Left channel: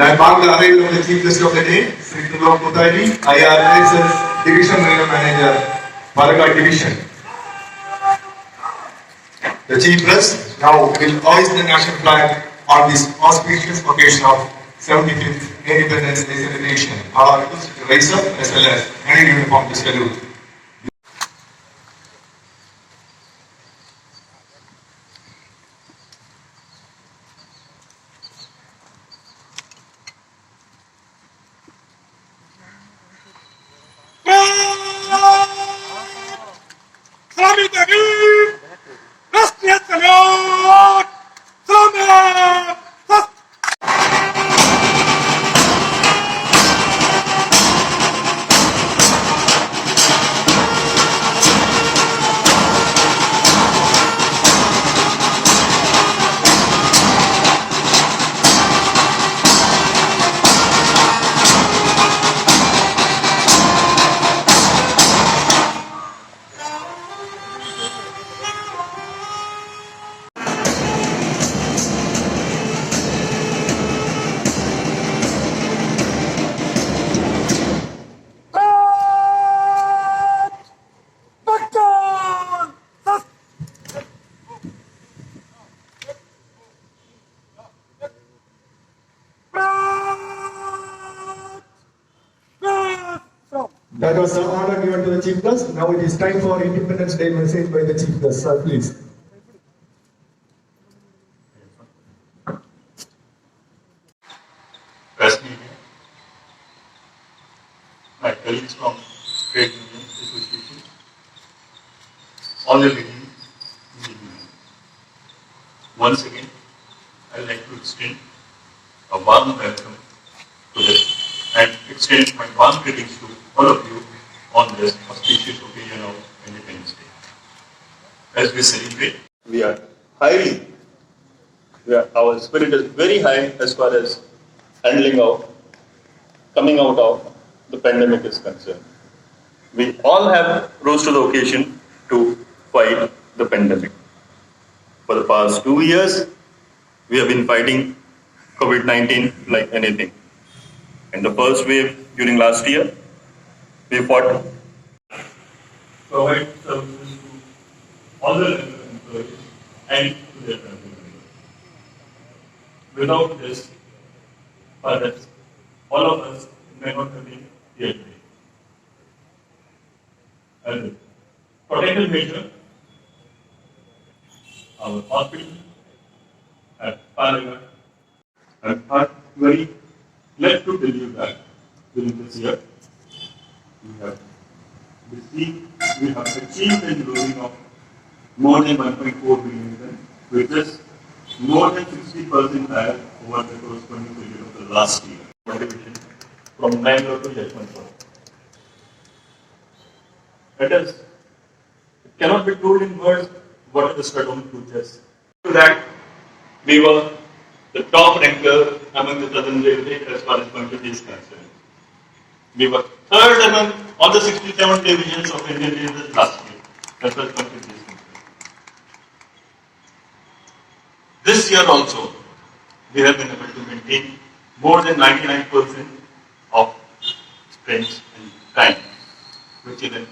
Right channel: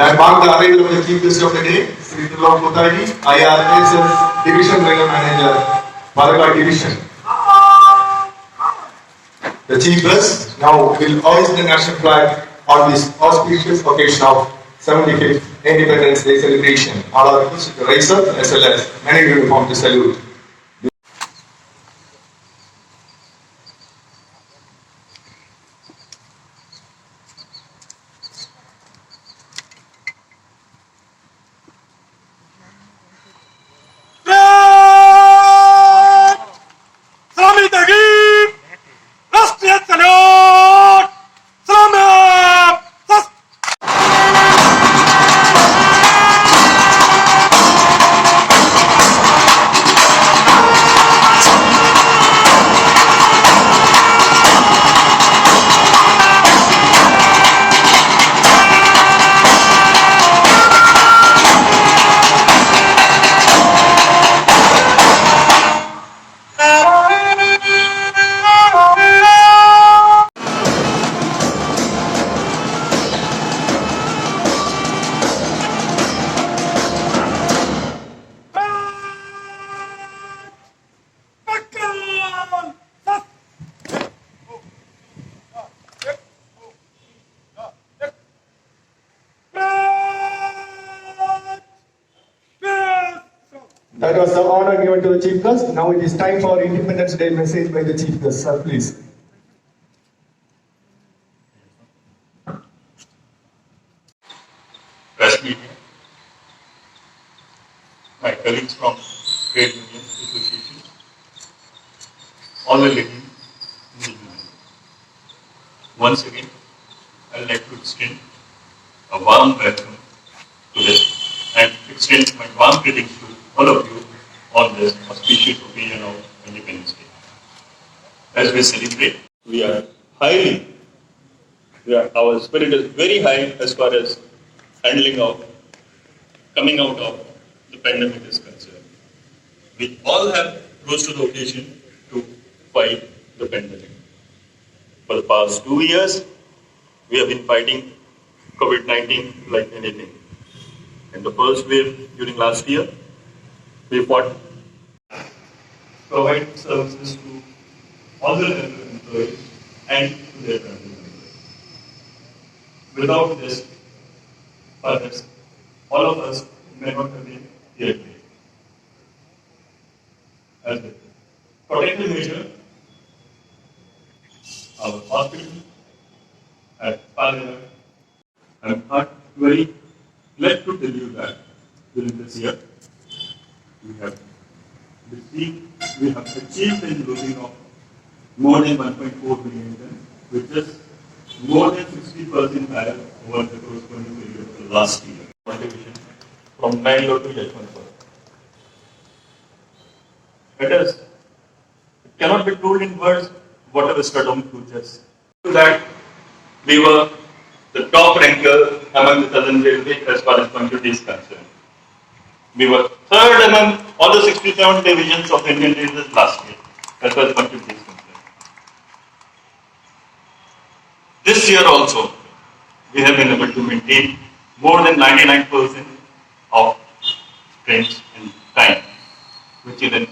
That marked the arrival of the Chief Guest of the day, Sri Trilok Muthaji, IRSS Division Railway Manager, Palakkad Division. The Chief Guest now will hoist the national flag on this auspicious occasion of 75th Independence Day celebration. All are requested to rise up as well as any uniform to salute. That was the honor given to the Chief Guest. Now it is time for Independence Day message by the Chief Guest. Sir, please. Press media, my colleagues from Trade Union Association, all the ladies in the union. Once again, I would like to extend a warm welcome to this and extend my warm greetings to all of you on this auspicious occasion of Independence Day. As we celebrate, our spirit is very high as far as coming out of the pandemic is concerned. We all have rose to the occasion to fight the pandemic. For the past 2 years, we have been fighting COVID-19 like anything. In the first wave during last year, we fought provide services to all the employees and to their family members. Without this, perhaps all of us may not have been here today. As a protective measure, our hospital at Palakkad, I'm very glad to tell you that during this year, we have achieved a loading of more than 1.4 billion tons, which is more than 60% higher over the corresponding period of the last year. Motivation from Bangalore to Yeshwanthpur. It cannot be told in words what a stubborn futures. That we were the top ranker among the Southern Railway as far as quantity is concerned. We were third among all the 67 divisions of Indian Railways last year as far as quantity is concerned. This year also, we have been able to maintain more than 99% of trains in time, which is an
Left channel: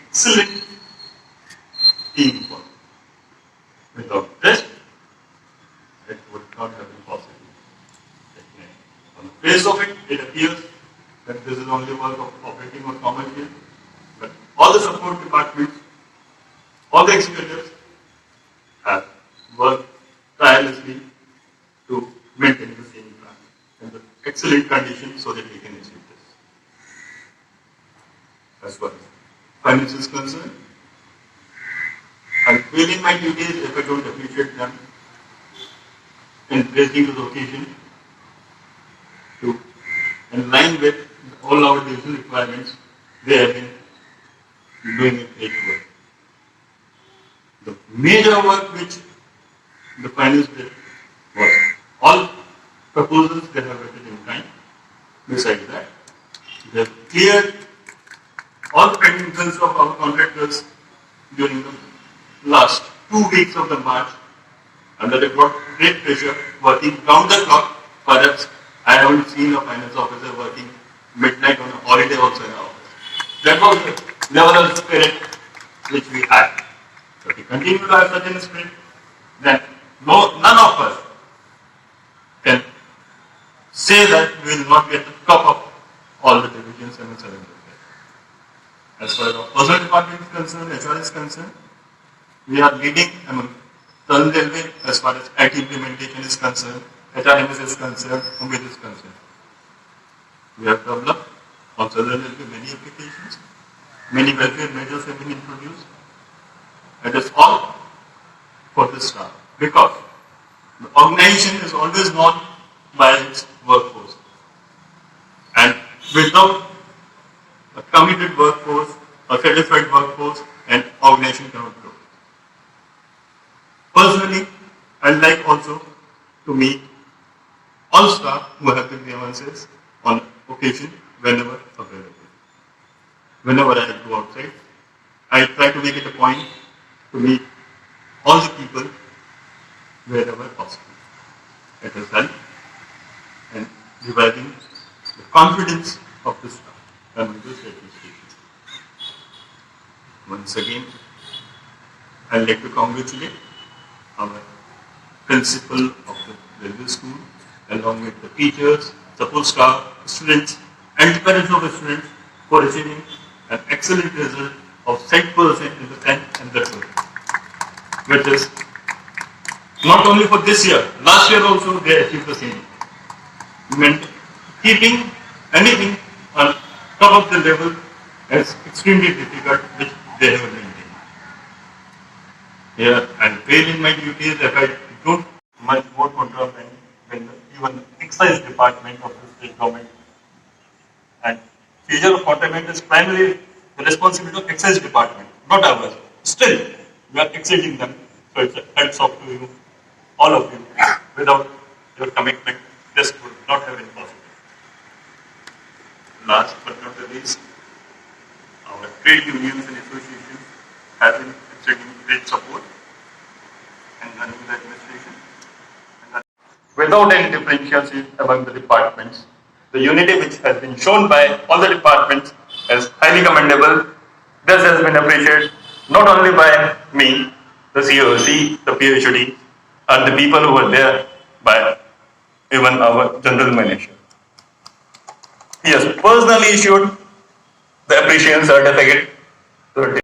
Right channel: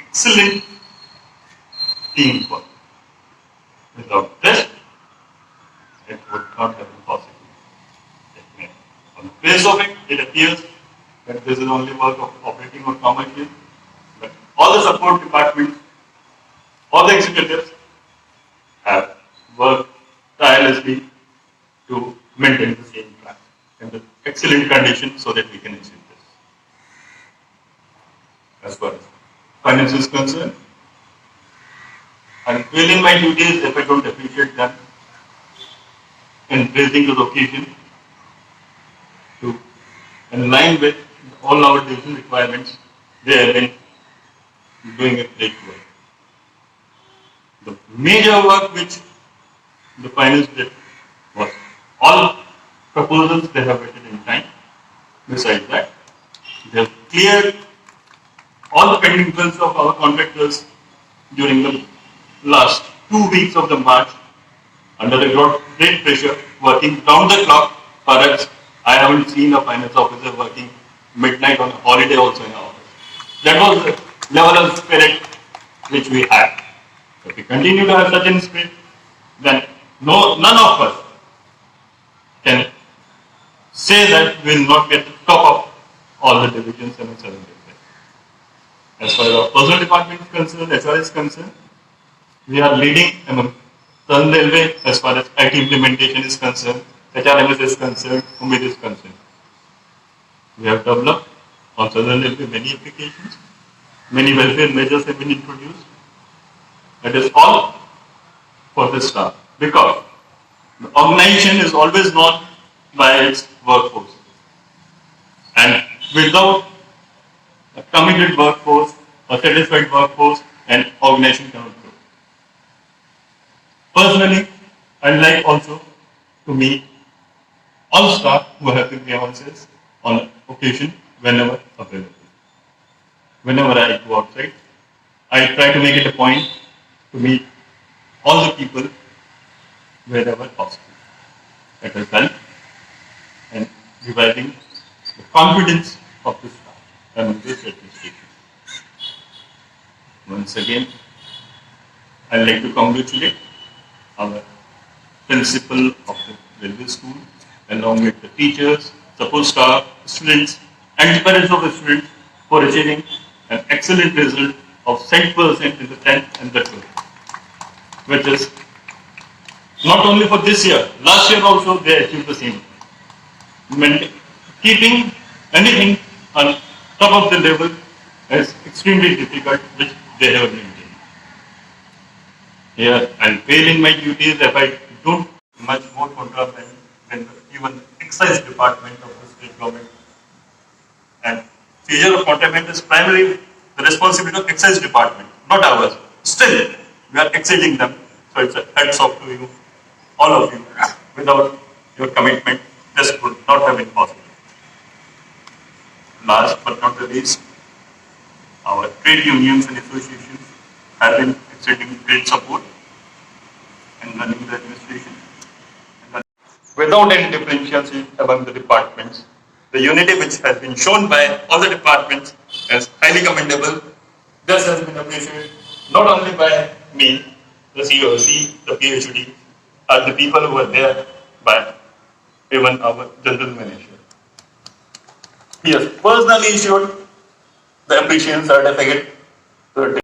excellent teamwork. Without this, it would not have been possible. On the face of it, it appears that this is only work of operating or commercial, but all the support departments, all the executives have worked tirelessly to maintain the same plan in the excellent condition so that we can achieve this. As far as finance is concerned, I'm feeling my duties if I don't appreciate them in raising to the occasion to in line with all our division requirements. They have been doing a great work. The major work which the finance did was all proposals they have written in time. Besides that, they have cleared all the pending bills of our contractors during the last 2 weeks of the March under a great pressure, working round the clock, perhaps I haven't seen a finance officer working midnight on a holiday also in our office. That was the level of spirit which we had. If we continue to have such a spirit, then none of us can say that we will not get the top of all the divisions in a 7 day. As far as our personal department is concerned, HR is concerned, we are leading among Southern Railway as far as IT implementation is concerned, HRMS is concerned, Umid is concerned. We have developed on Southern Railway many applications, many welfare measures have been introduced. It is all for the staff because the organization is always known by its workforce. And without a committed workforce, a satisfied workforce, an organization cannot grow. Personally, I'd like also to meet all staff who have the grievances on occasion whenever available. Whenever I go outside, I try to make it a point to meet all the people wherever possible. It has helped in reviving the confidence of the staff and this administration. Once again, I'd like to congratulate our principal of the railway school, along with the teachers, support staff, students, and the parents of the students for achieving an excellent result of 7% in the 10th and the 12th, which is not only for this year, last year also they achieved the same. Keeping anything on top of the level is extremely difficult, which they have maintained. Here, I'll fail in my duties if I don't much more contraband than even the excise department of the state government. And seizure of contraband is primarily the responsibility of excise department, not ours. Still, we are exceeding them. So it's a hats off to you, all of you. Without your commitment, this would not have been possible. Last but not the least, our trade unions and associations have been extending great support and running the administration. Without any differentiation among the departments, the unity which has been shown by all the departments is highly commendable. This has been appreciated not only by me, the COC, the PhD, and the people who were there, by even our general manager. He has personally issued the appreciation certificate to a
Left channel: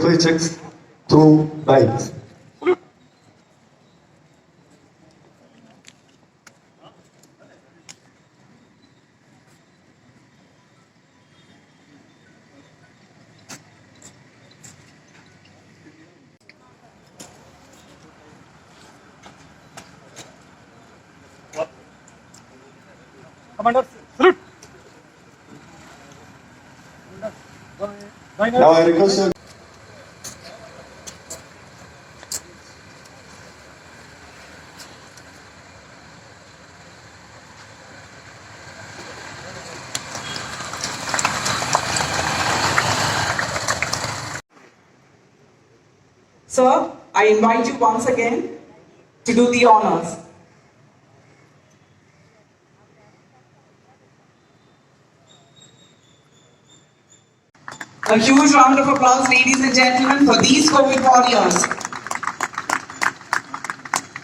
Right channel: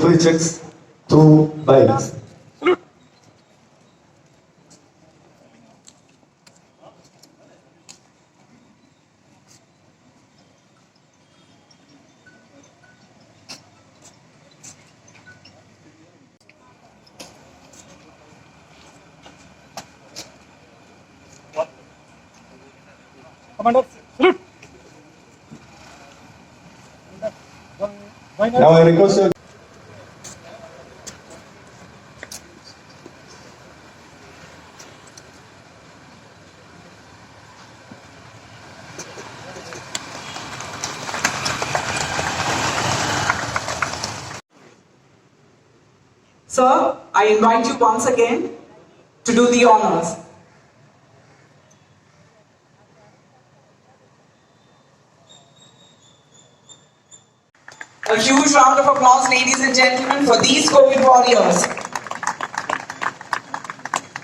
Three checks, 2 bites. Commander, salute. Now I request you. Sir, I invite you once again to do the honors. A huge round of applause, ladies and gentlemen, for these COVID warriors.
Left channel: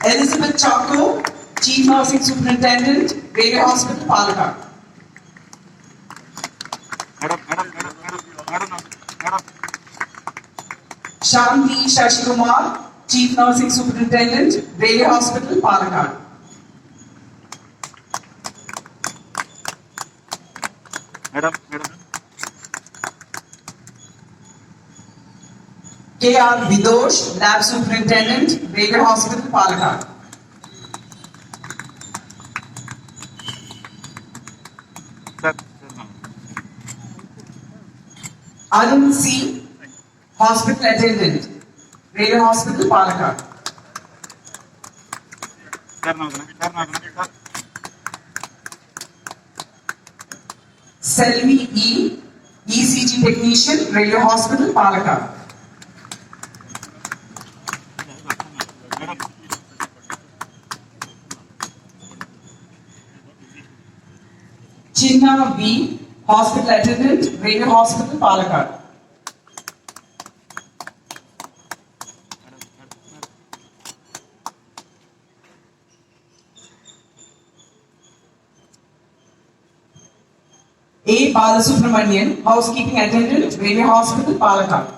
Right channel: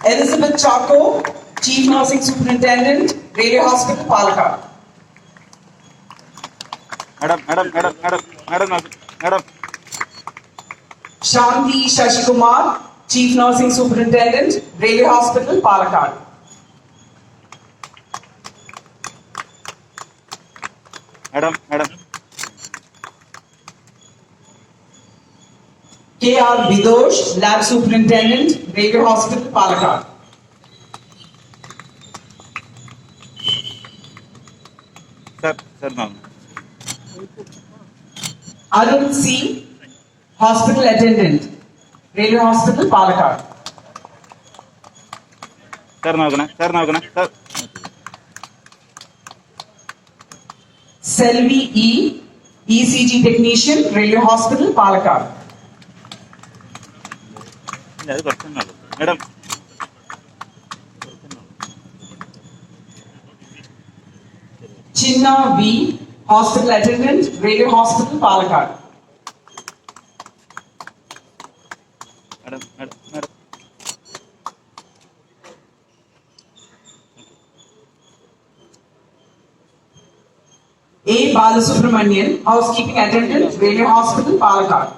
Elizabeth Chaco, Chief Nursing Superintendent, Railway Hospital, Palakkad. Madam. Shanti Shashikumar, Chief Nursing Superintendent, Railway Hospital, Palakkad. Madam. K.R. Vidosh, Lab Superintendent, Railway Hospital, Palakkad. Sir, ma'am. Arun C., Hospital Attendant, Railway Hospital, Palakkad. Sir. Selvi E., ECG Technician, Railway Hospital, Palakkad. Madam. Chinna V., Hospital Attendant, Railway Hospital, Palakkad. Madam. A. Balasubramanian, Housekeeping Attendant, Railway Hospital, Palakkad.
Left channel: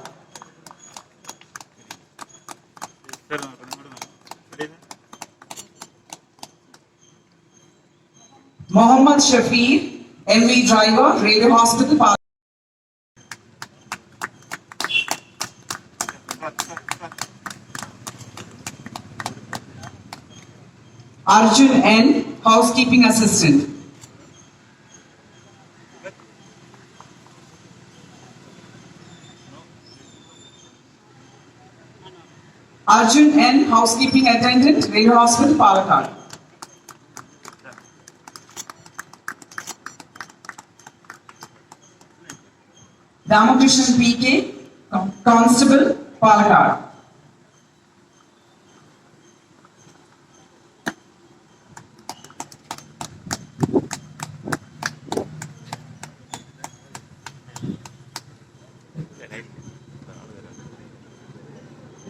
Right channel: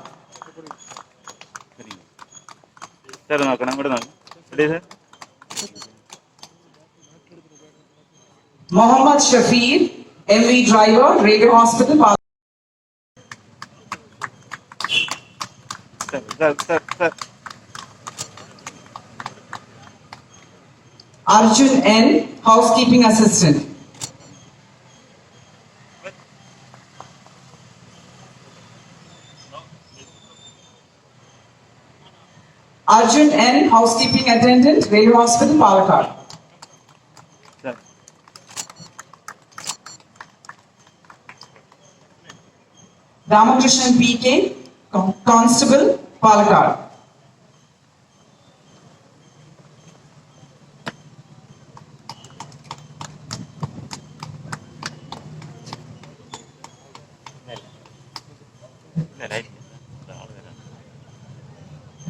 Sir, ready, sir? Mohammad Shafir, MV Driver, Railway Hospital, Palakkad. Sir. Arjun N., Housekeeping Assistant. Arjun N., Housekeeping Attendant, Railway Hospital, Palakkad. Sir. Ramakrishnan P.K., Constable, Palakkad.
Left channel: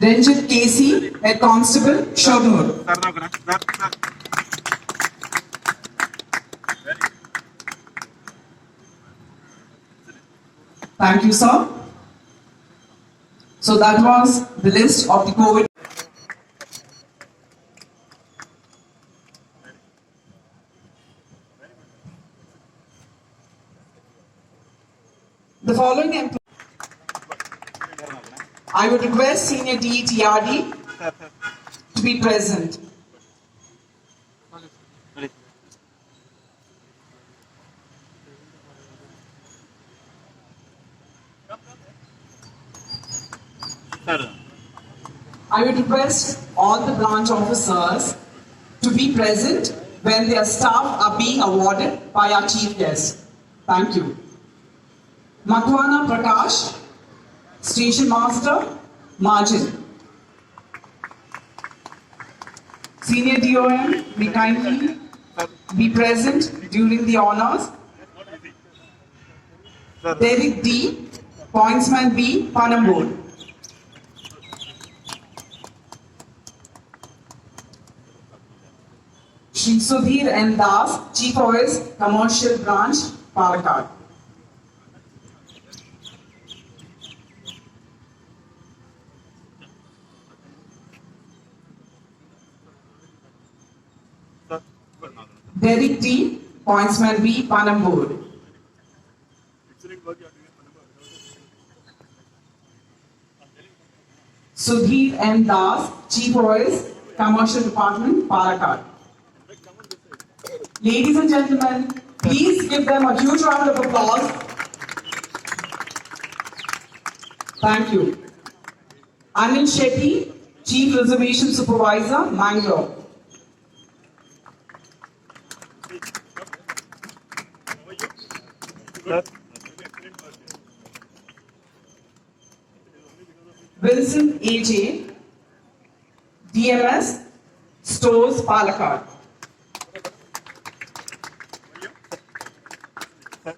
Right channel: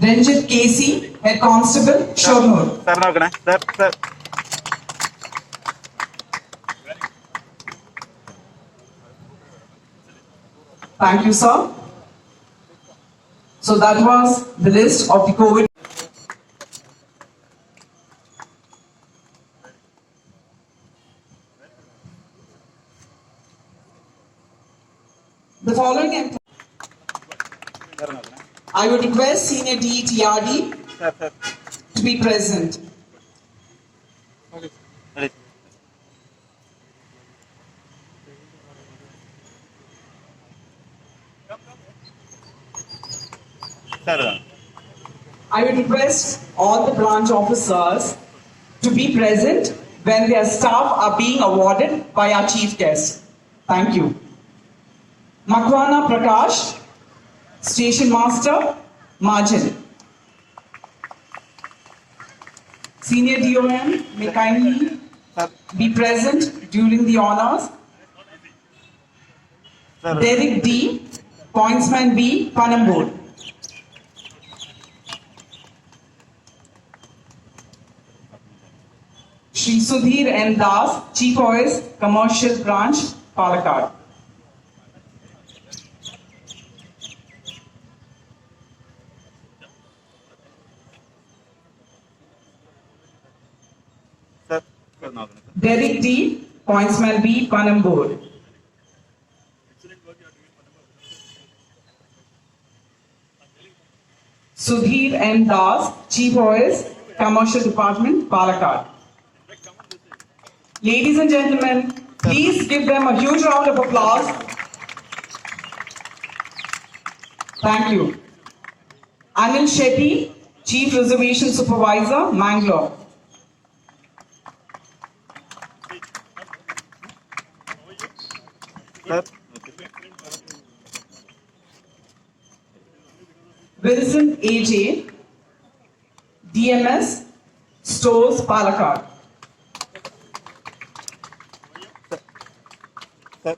Ranjit K.C., Head Constable, Shornur. Sir. Thank you, sir. So that was the list of the COVID. The following I would request Senior DE TRD Sir. to be present. Ready. Sir. I would request all the branch officers to be present when their staff are being awarded by our chief guest. Thank you. Makwana Prakash, Station Master, Margin. Senior DOM may kindly be present during the honors. Derek D, Pointsman B, Panambur. Shri Sudhir N. Das, Chief OS, Commercial Branch, Palakkad. Sir. Derek D, Pointsman B, Panambur. Sudhir N. Das, Chief OS, Commercial Department, Palakkad. Ladies and gentlemen, please give them a huge round of applause. Thank you. Anil Shetty, Chief Reservation Supervisor, Mangalore. Sir. Wilson A.J., DMS Stores Palakkad. Sir.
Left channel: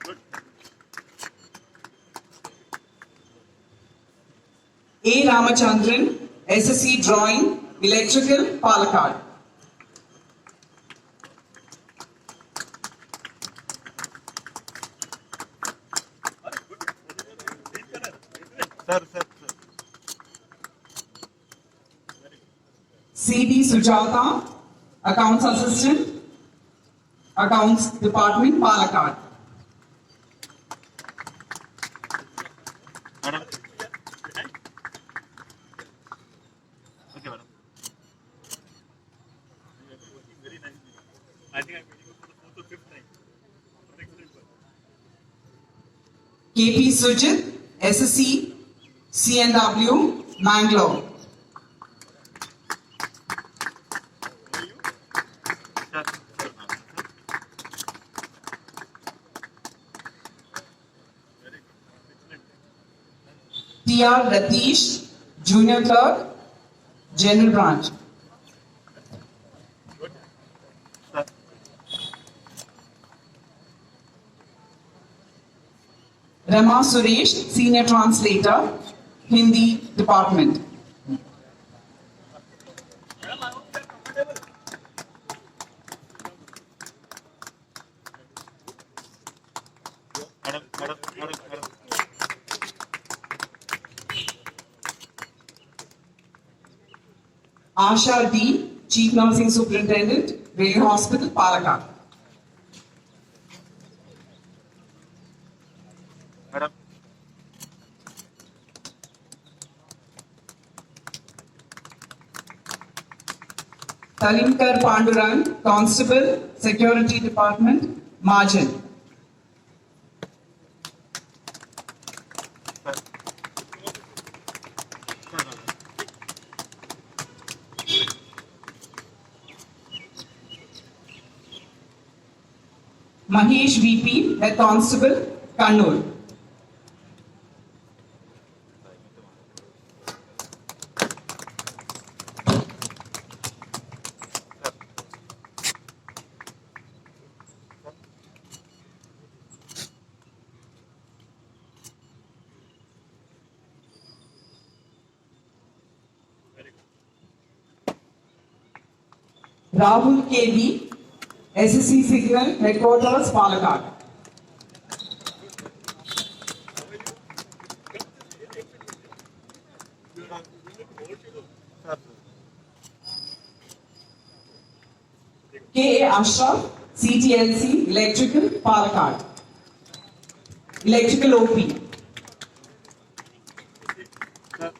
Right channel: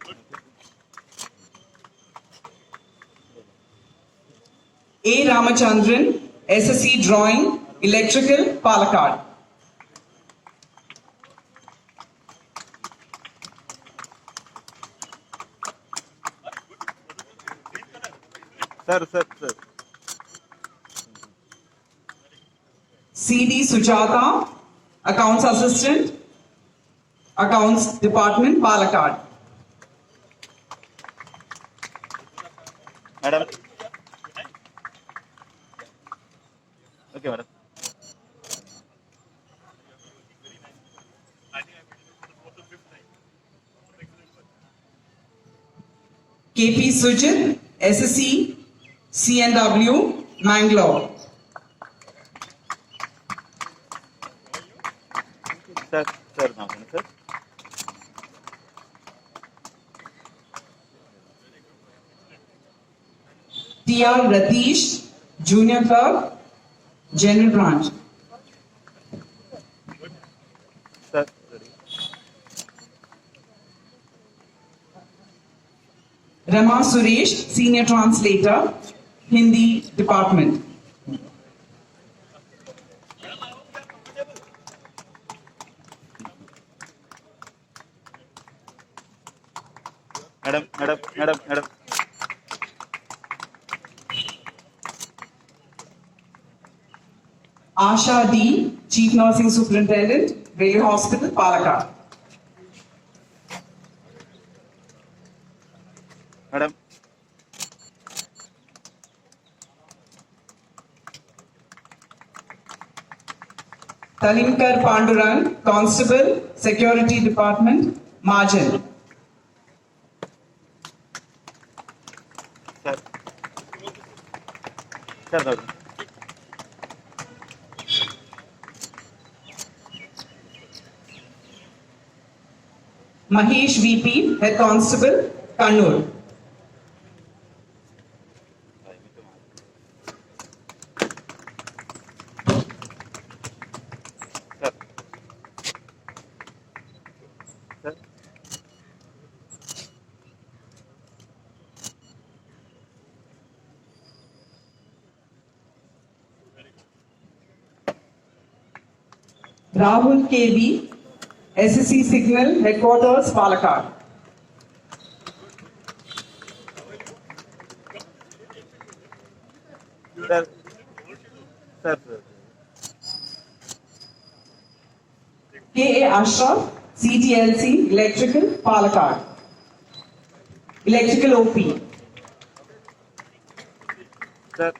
A. Ramachandran, SSC Drawing, Electrical, Palakkad. Sir. C.D. Sujata, Accounts Assistant, Accounts Department, Palakkad. Madam. Okay, madam. K.P. Sujit, SSC, CNW, Mangalore. Sir, now, sir. T.R. Ratish, Junior Clerk, General Branch. Sir. Rama Suresh, Senior Translator, Hindi Department. Madam. Asha D, Chief Nursing Superintendent, Railway Hospital, Palakkad. Madam. Talimkar Pandurang, Constable, Security Department, Margin. Sir. Mahesh VP, Head Constable, Kannur. Rahul KV, SSC Signal, Headquarters, Palakkad. Sir. K.A. Ashraf, CTLC, Electrical, Palakkad. Electrical OP. Sir.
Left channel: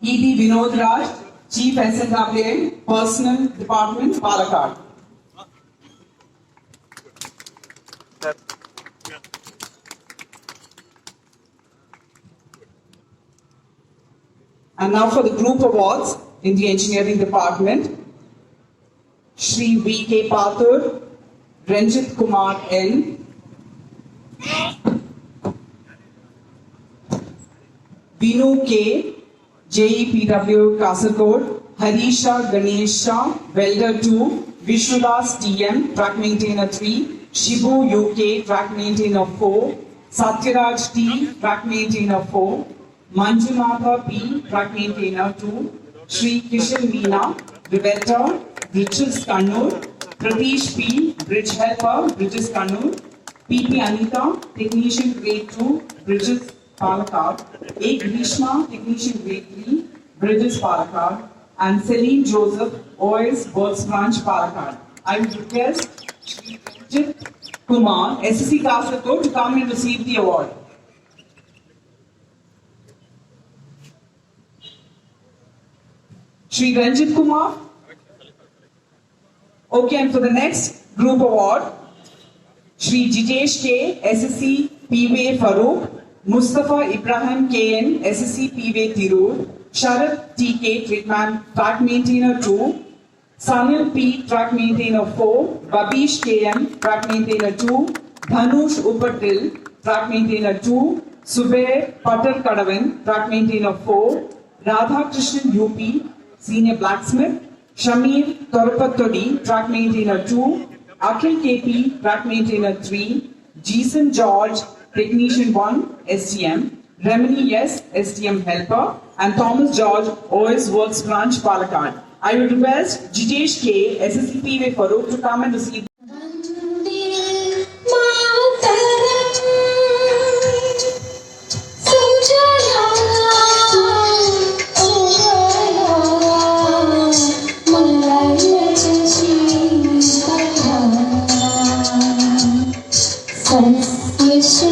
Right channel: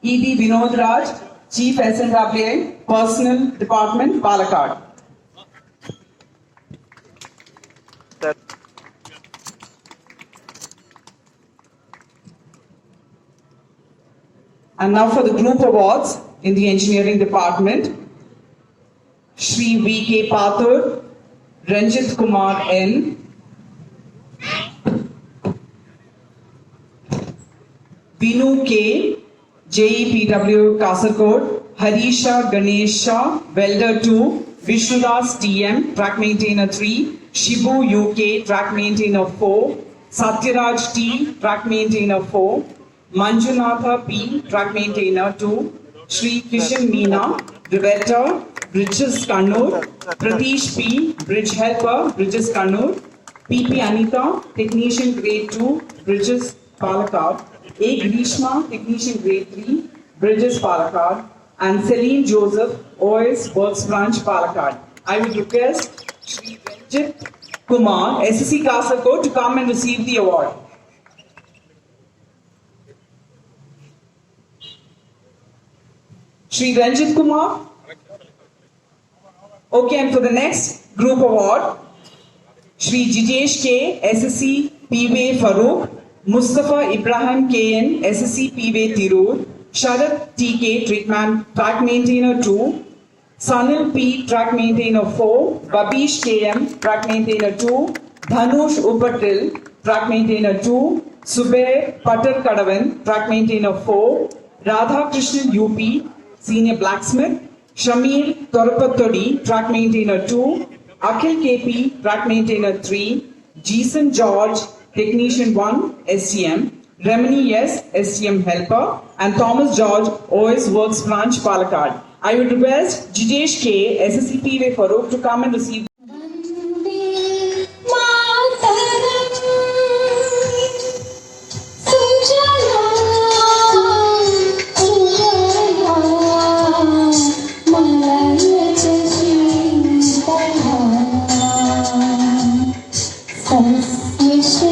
E.D. Vinod Raj, Chief SNWA, Personal Department, Palakkad. Sir. And now for the group awards in the engineering department. Shri V.K. Pathur, Ranjit Kumar N. Vinu K. JEPW Kasargod, Harisha Ganesha, Welder 2, Vishnudas TM, Track Maintainer 3, Shibu UK, Track Maintainer 4, Satyaraj T, Track Maintainer 4, Manjunatha P, Track Maintainer 2, Shri Kishan Meena, Rivetter, Bridges Kannur, Pratish P, Bridge Helper, Bridges Kannur, PP Anita, Technician Grade 2, Bridges Palakkad, A. Grishma, Technician Grade 3, Bridges Palakkad, and Celine Joseph, OS Works Branch Palakkad. I would request Shri Ranjit Kumar, SSC Kasargod, to come and receive the award. Shri Ranjit Kumar. Okay, and for the next group award, Shri Jijesh K, SSC P.V. Farooq, Mustafa Ibrahim KN, SSC P.V. Tirur, Sharad TK, Track Maintainer 2, Sanil P, Track Maintainer 4, Babish KM, Track Maintainer 2, Dhanush Upatil, track maintainer 2, Subair Patar Kadavan, track maintainer 4, Radha Krishnan UP, senior blacksmith, Shamir Torapattodi, track maintainer 2, Akhil KP, track maintainer 3, Jason George, technician 1, STM, Remini S, STM helper, and Thomas George, OS Works branch, Palakkad. I would request Jitesh K, SSCPV Farooq to come and receive. Vande Mataram सुजलां सुफलां मलयजशीतलां सस्यश्यामलां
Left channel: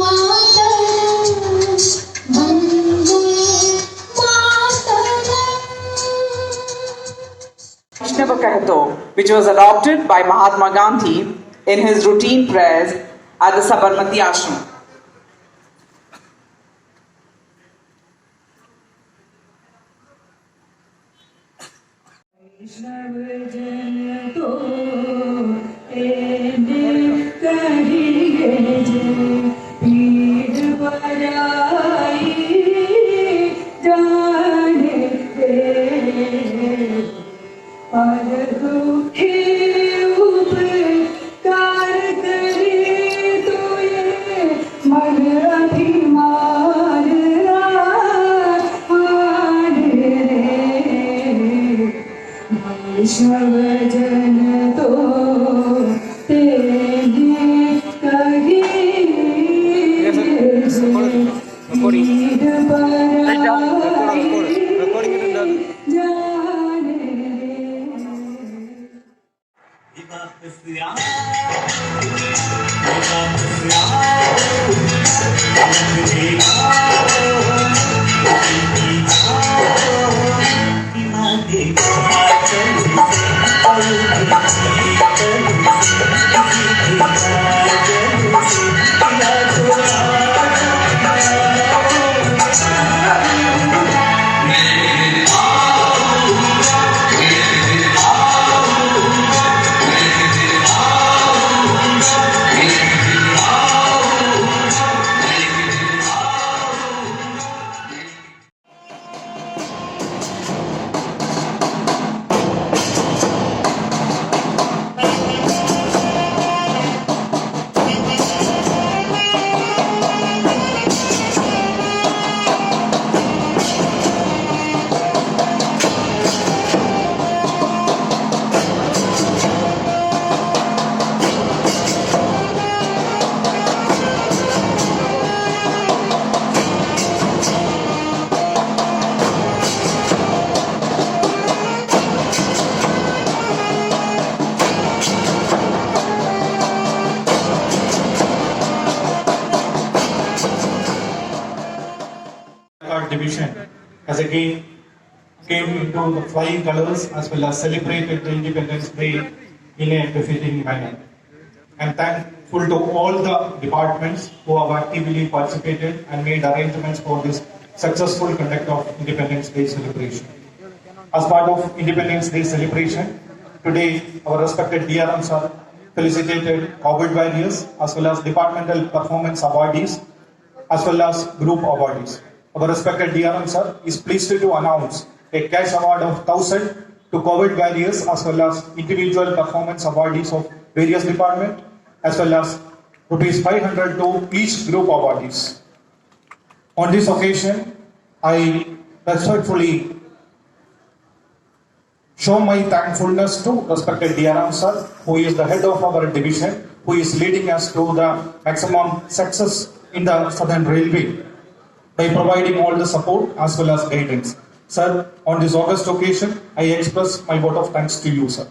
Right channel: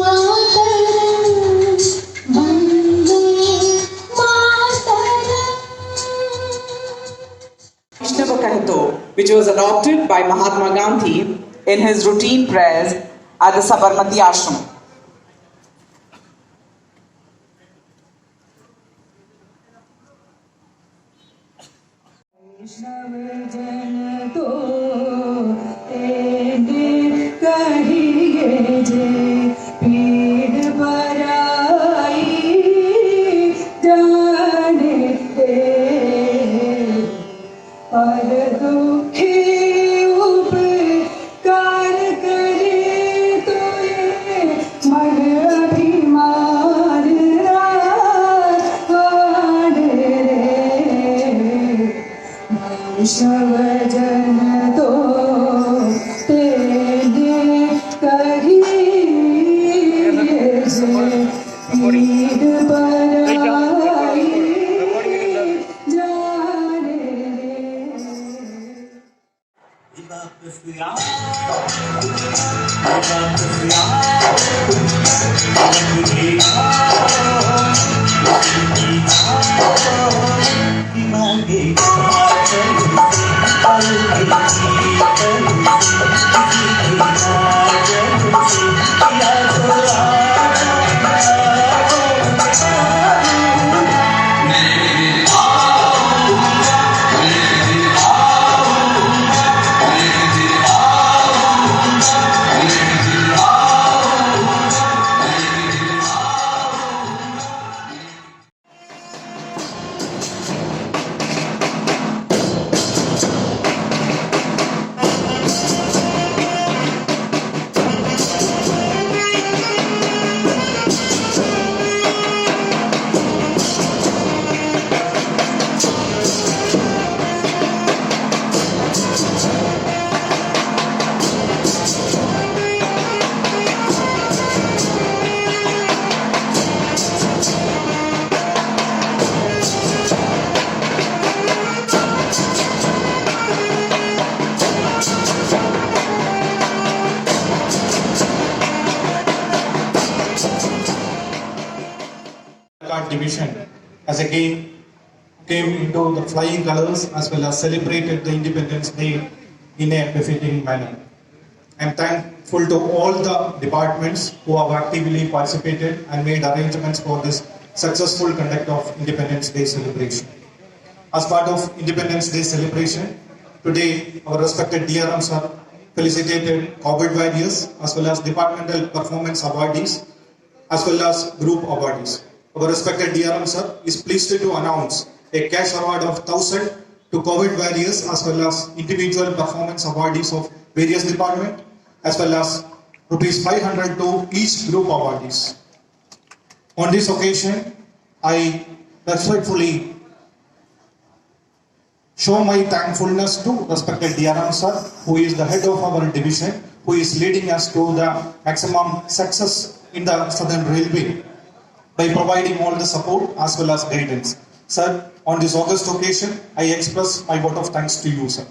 मातरम् Vande Mataram. Vaishnava Kahto, which was adopted by Mahatma Gandhi in his routine prayers at the Sabarmati Ashram. Division as again came into the flying colors as well as celebrated the Independence Day in a befitting manner. I am thankful to all the departments who have actively participated and made arrangements for this successful conduct of Independence Day celebration. As part of Independence Day celebration, today our respected DRM sir felicitated COVID warriors as well as departmental performance awardees as well as group awardees. Our respected DRM sir is pleased to announce a cash award of 1,000 to COVID warriors as well as individual performance awardees of various departments as well as rupees 500 to each group awardees. On this occasion, I respectfully show my thankfulness to respected DRM sir, who is the head of our division, who is leading us to the maximum success in the Southern Railway by providing all the support as well as guidance. Sir, on this August occasion, I express my vote of thanks to you, sir.